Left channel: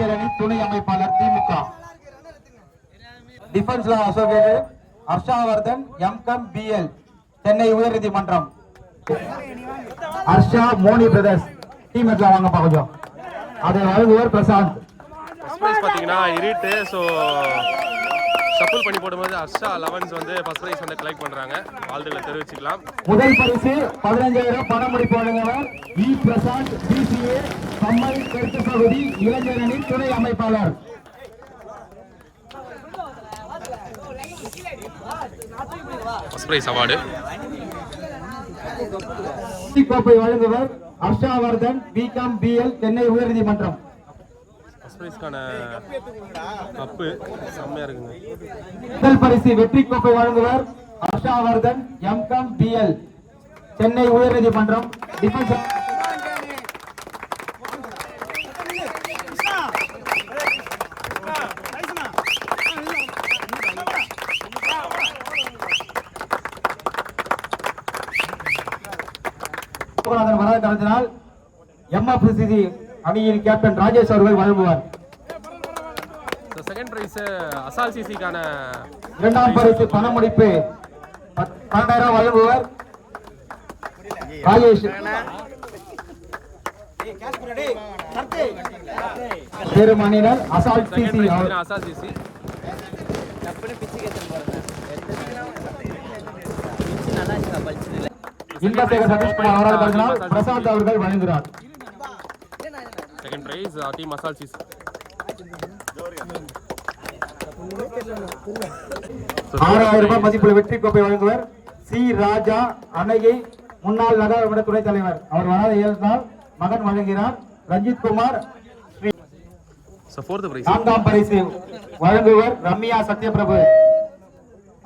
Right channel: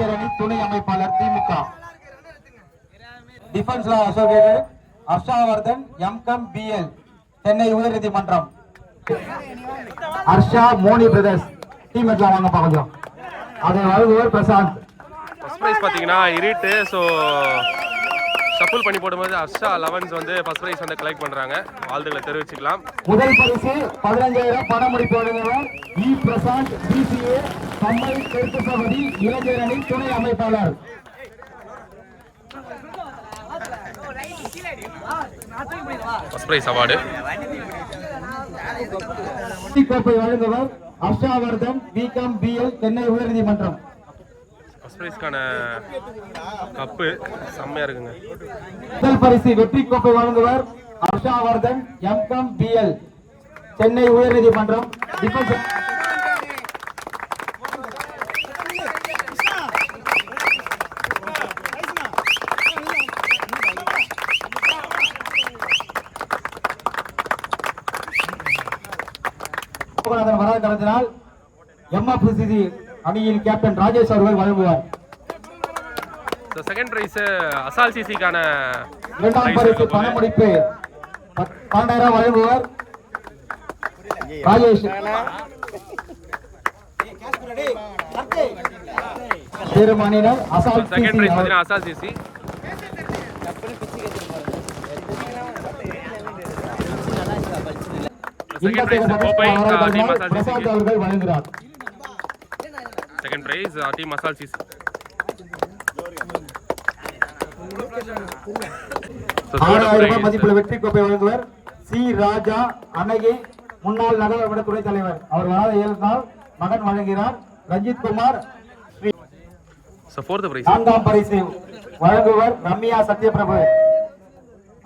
இளைஞர் அணி துணை அமைப்பாளர் திமுக. டிஃபென்ஸ்ல அசோசியேட்டட் ஹர்ஷாவர்தன் எம்கம் பிஎல் சென்னை உயர்நீதிமன்றம். ஹர்ஷா மோனி பிரதர்ஸ் டீம் எல்லாம் வாங்க கொஞ்சம். அதை வழங்குவர் பிரசாந்த். ஃபர்ஸ்ட் பிரைஸ் பார்த்தீங்கன்னா இரிட்டு. ஸோ சப்புல் பண்ணி போடும்போது ஹர்ஷா 11s வந்து ஃபர்ஸ்ட் பிரைஸ் வந்து கலெக்ட் பண்றாங்க. வாழ்த்துக்களை தெரிவிச்சுக்கலாம். முதல் பரிசு 15,000 பணமுடிப்பு வழங்குவர் இ பிரசாந்த் பிசிஏ கம்மை தெற்கு பகுதி இளைஞர் அணி துணை அமைப்பாளர். ஃபர்ஸ்ட் பிரைஸ் அவார்டு கோப்பை வழங்குவர் ஹர்ஷாவர்தன் பிகாம் பிஎல் சென்னை உயர்நீதிமன்றம். ஃபர்ஸ்ட் பிரைஸ்க்கான கப்பு செம்மையா இருக்குங்க. முதல் பரிசு வெற்றி கோப்பை வழங்குவர் ஹர்ஷாவர்தன் எம்காம் பிஎல் சென்னை உயர்நீதிமன்றம். டிஃபென்ஸ் வராத காரணத்தினால் எம்எஃப்சிசி அணியின் கேப்டன் ராஜேஷ் அவர்கள் வழங்குவார். செகண்ட் பிரைஸ் அசால் சிசிக்கான இரண்டாம் பரிசு பணமுடிப்பு 12,000 வழங்குவார் ராஜேஷ். பெருமணினர் அசால் சிசி. செகண்ட் பிரைஸ் பார்த்தீங்கன்னா அசால் சிசி. பிரசாந்த் அவர்கள் வழங்குகிறார். Second prize team Asal CC. ரூபாய் மதிப்புள்ள வெற்றி கோப்பை வழங்குவர் சி ராஜா அணையை முன்னாள் நகரமன்ற துணைத் தலைவர். அவர் வராத 7 நாள் மகன் வழங்குகிறார் ரஞ்சித் குமார். நான்காம் பரிசு வழங்குவர் ரம்யா சத்யபிரபு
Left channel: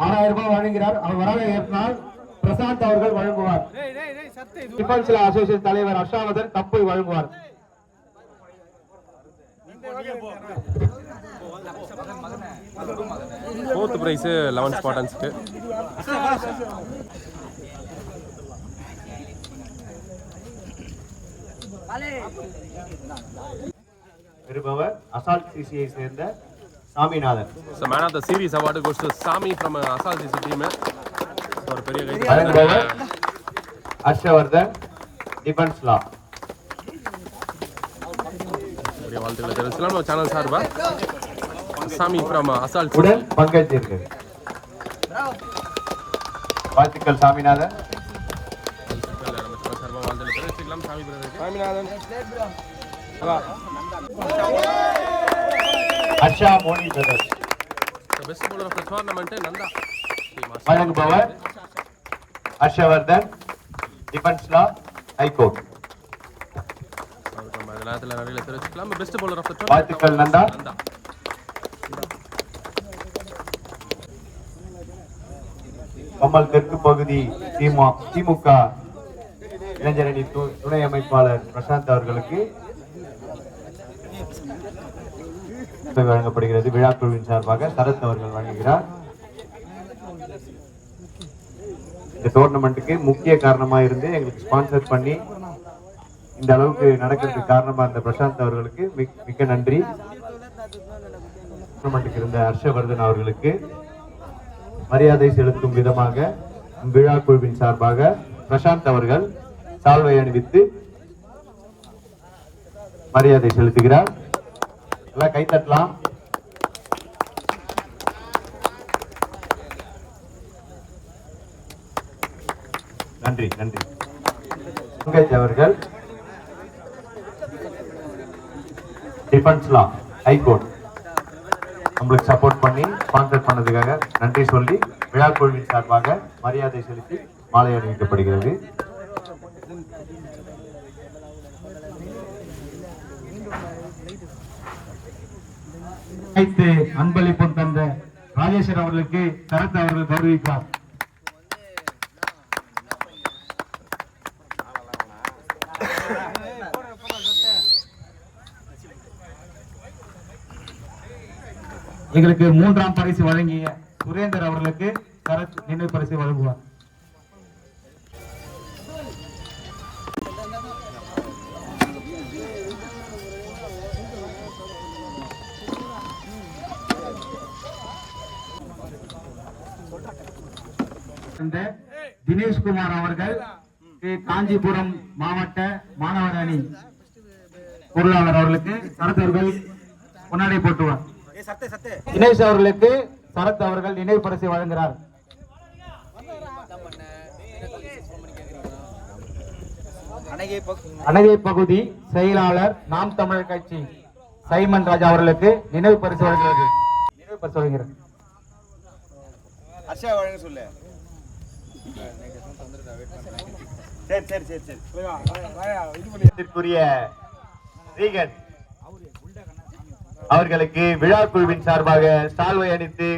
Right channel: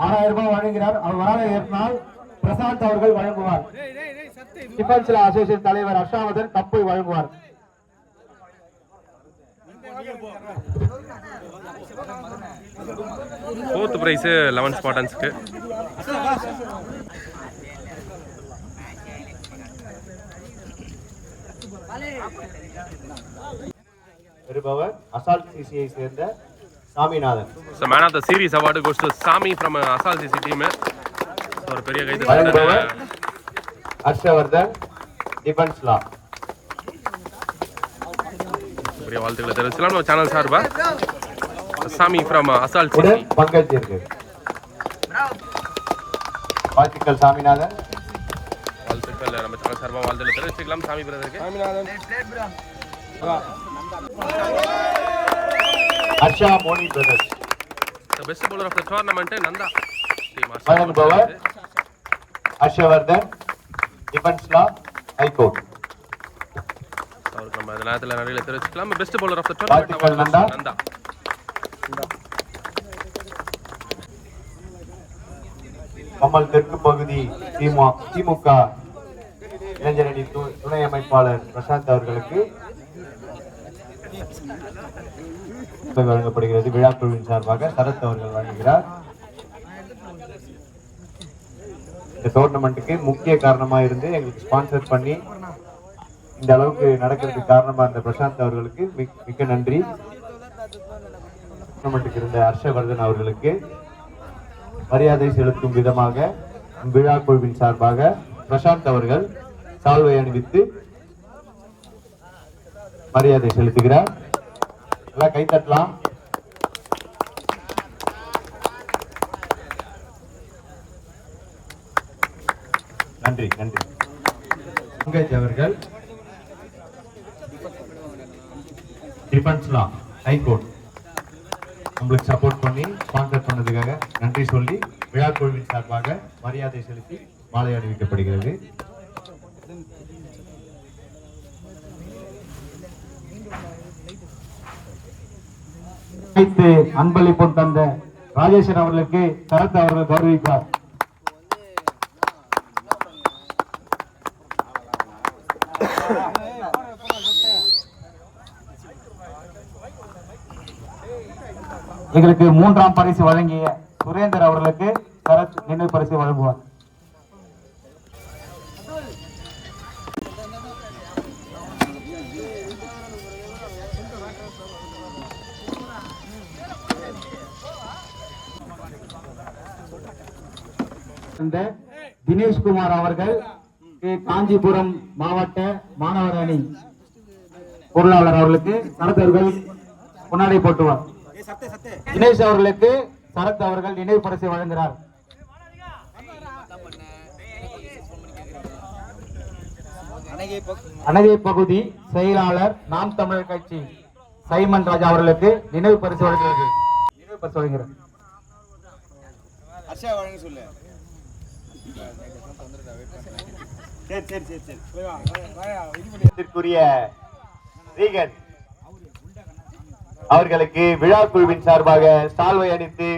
6,000 ரூபாய் வழங்குகிறார். அவர் வராத 7 நாள் பிரசாந்த் அவர்கள் வழங்குவார். டிஃபென்ஸ் அசோசியேஷன் தலைவர் ஹர்ஷாவர்தன் கப்பை வழங்குவார். ஃபோர்த் பிரைஸ் 11 ஸ்பாட்டன்ஸ்க்கு. பெறுபவர் அசால் சிசியை சேர்ந்த Saminathan. So man of the series award goes to Sami from Asal CC team. ஒரு பெரிய கைது ஹர்ஷவர்தன் டிஃபென்ஸ் லா. பெரிய வாழ்த்துக்களை தெரிவிக்கலாம் நம்ம சேனல் சார்பா. சாமி ஃப்ரம் அசால் சிசி பங்கேற்றிருக்கு. வாழ்த்துக்கள் சாமிநாதன். வாழ்த்துக்கள் நம்ம சேனல் சார்பா வாழ்த்துக்களை தெரிவிக்கலாம் சாமி பிரதருக்கு. Saminathan Harsha Moni brothers. The best bowler of the tournament Nanda. வழங்குபவர் ஹர்ஷவர்தன் டிஃபென்ஸ் லா ஹைகோர்ட். அவருக்கு நம்ம இந்த நேரத்தில் நிறைய தெரிவிச்சுக்கலாம். Best bowler of the tournament Nanda. Kamal தெற்கு பகுதி திமுக இளைஞர் அணி துணை அமைப்பாளர் பிரசாந்த் அவர்களுக்கு வழங்கப்படுகிறது. விழாக்குழுவின் சார்பாக சரத் அவர்கள் வழங்குகிறார். இந்த டோர்னமெண்ட்டுக்கு முக்கிய காரணமா இருந்து எங்களுக்கு ஸ்பான்சர் பண்ணி இந்த அளவுக்கு நடக்கிறதுக்கு காரணமா இருந்த பிரசாந்த் அவர்களுக்கு மிக்க நன்றி. டோர்னமெண்ட்டுக்கு இருந்த ஹர்ஷவர்தன் அவர்களுக்கு மரியாதை செலுத்தும் விதமாக விழா குழுவின் சார்பாக பிரசாந்த் அவர்கள் சால்வை அணிவித்து மரியாதை செலுத்துகிறார். எல்லாம் கைத்தட்டலாம். நன்றி நன்றி. பங்கேஜ் அவர்கள் டிஃபென்ஸ் லா ஹைகோர்ட் நம்மளுக்கு சப்போர்ட் பண்ணி ஸ்பான்சர் பண்ணதுக்காக நன்றி சொல்லி விழா குழுவின் சார்பாக மரியாதை செலுத்தி மாலை அணிவிக்கப்படுகிறது. அன்பளிப்பு தந்த ராஜேஸ்வரன் அவர்களுக்கு சரத் அவர்கள் கௌரவிப்பார். எங்களுக்கு 3ஆம் பரிசு வழங்கிய சுரேந்தர் அவர்களுக்கு சரத் நினைவு பரிசு வழங்குவார். இந்த தினேஷ்குமார் அவர்கள் காஞ்சிபுரம் மாவட்ட மாணவர் அணி பொருளாளர் அவர்களுக்கு சரத் அவர்கள் முன்னாடி போட்டுவார். தினேஷ் அவர்களுக்கு சரத் அவர்கள் நினைவு பரிசை வழங்குகிறார். அணகை பகுதி செயலாளர் நாம் தமிழர் கட்சி சைமன் ராஜா அவர்களுக்கு நினைவு பரிசு வழங்குகிறது. நினைவு பரிசு வழங்குகிறார். அவர்களுக்கு விழா குழுவின் சார்பாக சால்வை அணித்து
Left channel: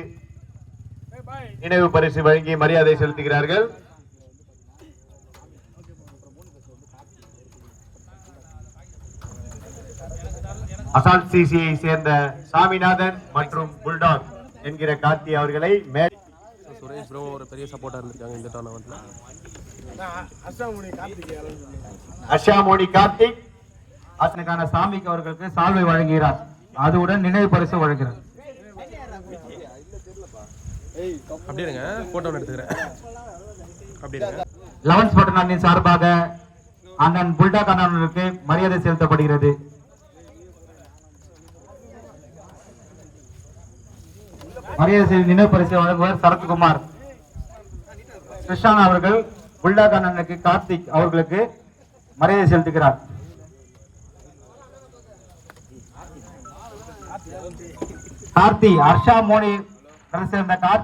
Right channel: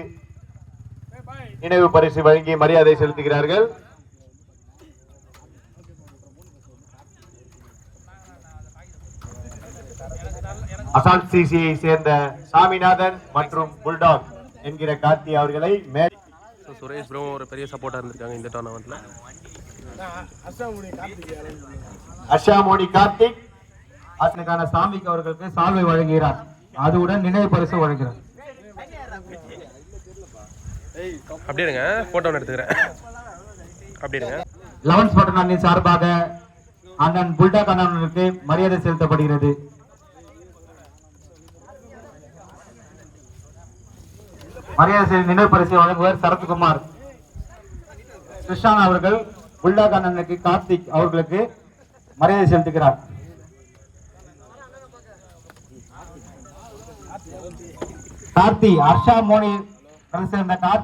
நினைவு பரிசு வழங்கி மரியாதை செலுத்துகிறார்கள். அசால்ட் சிசியை சேர்ந்த சாமிநாதன் மற்றும் புல்டாக் என்கிற கார்த்தி அவர்களை சுரேஷ் ப்ரோ ஒரு பெரிய சப்போர்ட்டா இருந்திருக்காங்க இந்த டோர்னமெண்ட்ல. அஷாமோனி கார்த்திக் ஆசனுக்கான சாமிக்கு அவர்களுக்கு சால்வை வழங்குகிறார். அதுடன் நினைவு பரிசு வழங்குகிறார். அப்படி இருங்க, போட்டோ எடுத்துக்கிறேன். அப்படி இருங்க. 11 பட்டன் அணியின் சார்பாக அண்ணன் புல்டாக் அண்ணனுக்கு மரியாதை செலுத்தப்படுகிறது. மரியாதை நினைவு பரிசு வழங்குவர் சரத்குமார். கிருஷ்ணன் அவர்கள் புல்டாக் அண்ணனுக்கு கார்த்திக் அவர்களுக்கு மரியாதை செலுத்துகிறார். கார்த்தி ஹர்ஷா மோனி சேர்ந்த கார்த்தி